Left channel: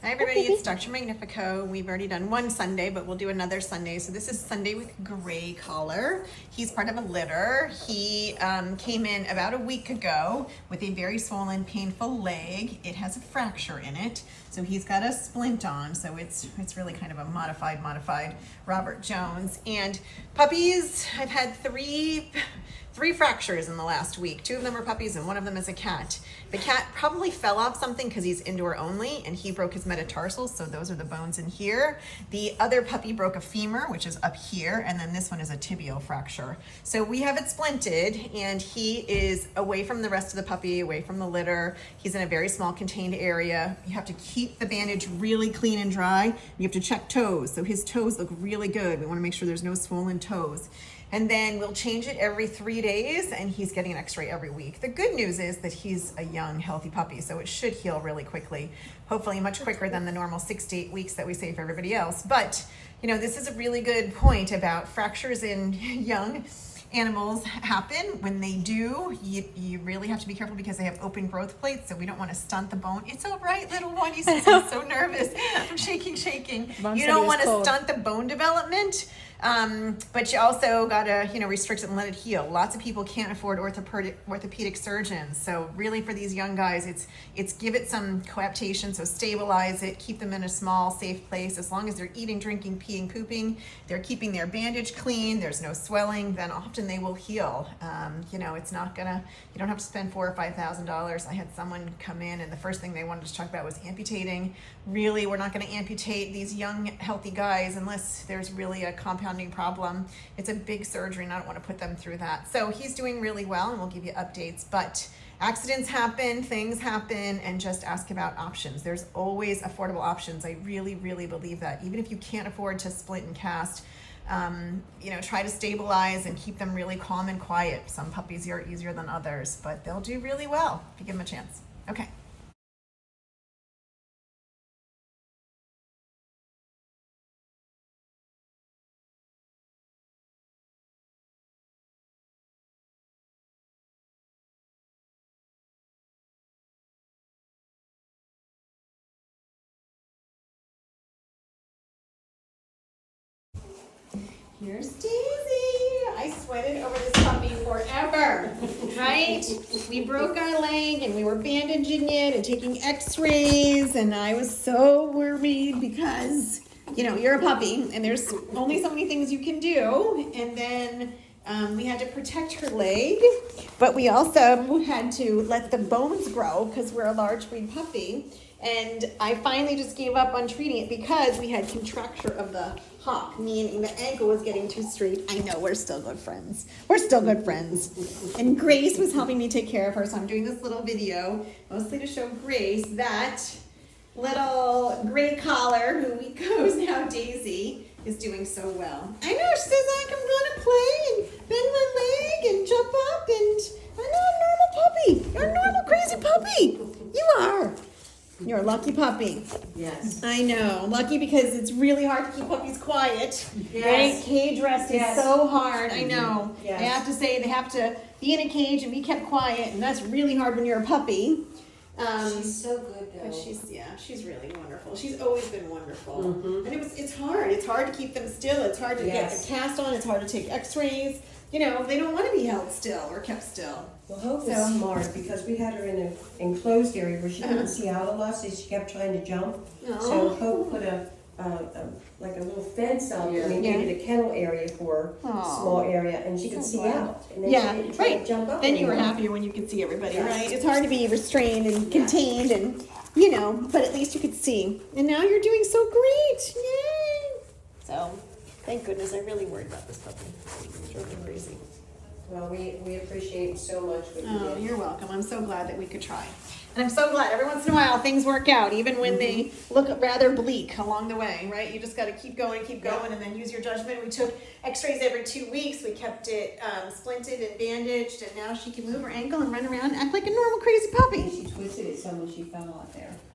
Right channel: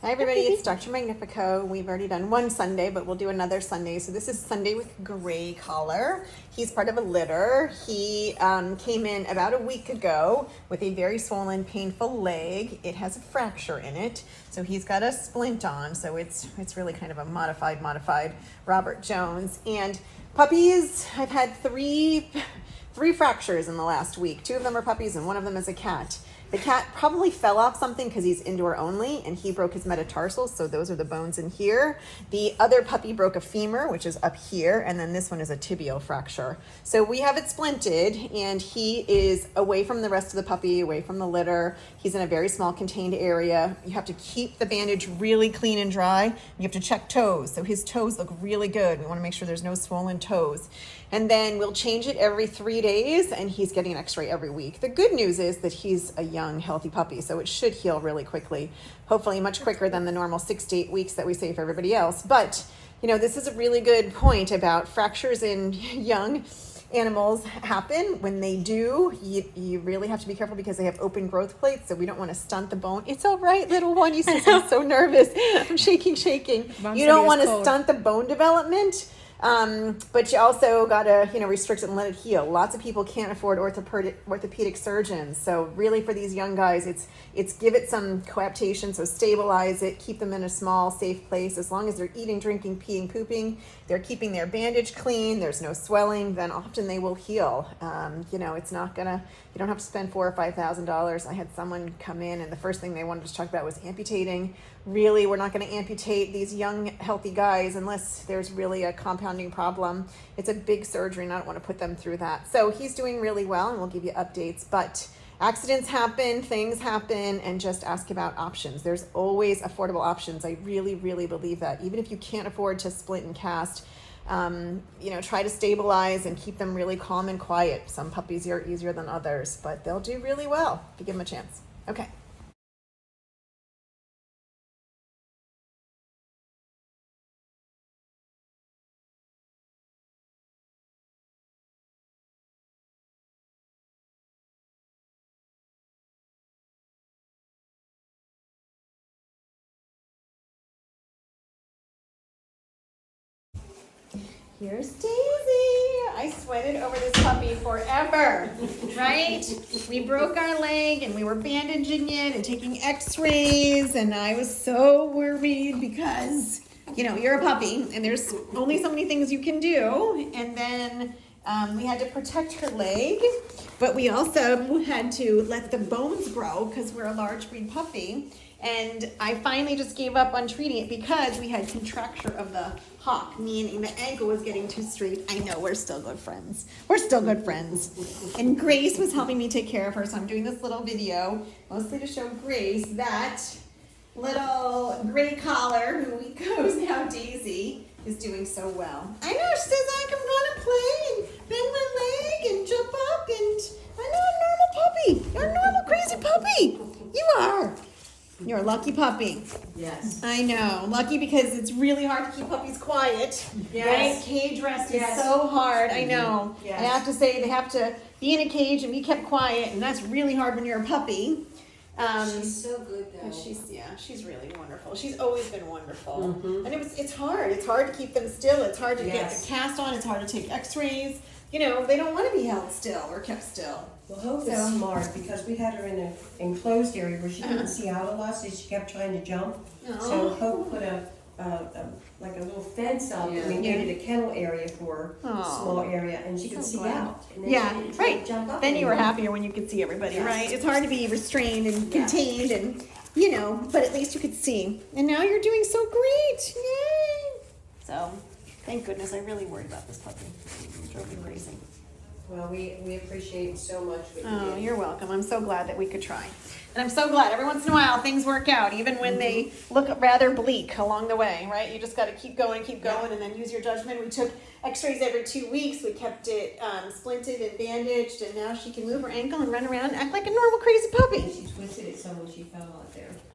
Hi everybody, it's Dr. Magnifico. We've already done one Sunday, but we'll do another Sunday. So this is Sunday with gray collar. He's part of a litter. He came in about a week ago with a very swollen, painful leg. It has a fracture in it. So he's got a splint on. So it's really kind of a modified Robert Jones. And puppies, I've had three fractures in the last week. 2 of them are puppies and 1 of them is a cat. The cat probably fell off something because he's indoor only and he broke his metatarsals, so those are the bones in here. The other puppy broke a femur, which is up here, and then this one is a tibial fracture. So we have it splinted and he is away from the rest of the puppy, away from the litter. He's in a very small contained area. You have to keep the bandage really clean and dry. You have to check toes, so his toes look really good. We want to make sure there's no swollen toes. And then we'll change it every 3 days and he's getting an x-ray every week. The good news is that he's a young, healthy puppy, so it should heal really quickly. Hopefully much quicker than the normal 6 to 8 weeks that we say for everybody else. But, you know, this is a really good point about fractures in young animals happen. When they do, you really have to be careful because they have open growth plates, so we don't want to stunt the bone. It's all right, little one. He says, I'm so nervous. I'm shaking. You don't want to stunt the bone development. But you also gotta, restrict it and let it heal. Lots of people can't afford orthopedic surgeons. So really for these young guys, it's give it some coaptation, so stabilize it, keep them in a small, safe place. As long as they're eating, drinking, peeing, pooping, they're keeping their bandage clean, there's no swelling, then often they will heal. It's not gonna, you don't have to spend $4,000 or $5,000. I had someone come in and the first thing they wanted to talk about was amputating. Really, we're not gonna amputate these young, healthy guys unless there's really a compounding problem. It's a big surgery and I don't want to put them through that. So he's doing really well and we'll give you updates, but accidents happen, things happen, and just ask about options. There's always affordable options. I really believe that. Even if you can't afford to split and cast, try to stabilize and keep them really calm and quiet. Some puppies are easier than others, but they'll do really well if you give them a chance. Okay. Here's Daisy. I sweated over this puppy forever, right? We broke our leg and we were bandaging it and taking x-rays and I was so worried because, you're a puppy and there's only so many things you can do. And then we had to protect her leg, but we also had to let the bones grow because we're a large breed puppy. And I finally just gave up on treating it because we had contracture of the hock, meaning the ankle was getting too straight. I know, we're still good friends. And Grace was helping me take care of her, so I'm doing this little video, mostly to show Grace that little gray collar, who we goes now Daisy, is doing so well. I know, she says I can run and play and bend my leg and jump up, and I know I'm a normal puppy. You're a normal crazy puppy. You are. You're a lucky puppy. Yes. I know. Lucky because it's really hard to keep puppies quiet. Yes. Right? Cage rest is so hard. I know. Yes. I have to say they have to be in a cage and be kept quiet, and that's really hard when you're a puppy. She's so good though. She's really wonderful. She's always been wonderful. Mm-hmm. And it's hard. It's hard to keep them still. It's hard to get the cast on. It's hard to take x-rays. They don't want to be held still or kept still. Well, Hope is smart because we had her in an enclosed area where she couldn't see out a lot, so she kept trying to jump. So Hope put a little fence up. We needed a kennel area for a small area, and she could see out. And then she didn't try to jump up. And you were happier when you could see everybody, right? It's hard to be restrained and contained, and but at least you could see. And now you're doing so great! Yay! So, thank goodness. I really worried about this puppy. It's really crazy. Well, we appreciate so much what you did. You're welcome. I'm so glad that we could try. And I'm so glad every once in a while things work out, even when they look rather bleak along the way, right? You just got to keep going, and then use your judgment. We took x-rays every 2 weeks. We kept it splinted and bandaged, and now she can move her ankle and run around and act like a normal crazy puppy. She twisted it some when she fell out there.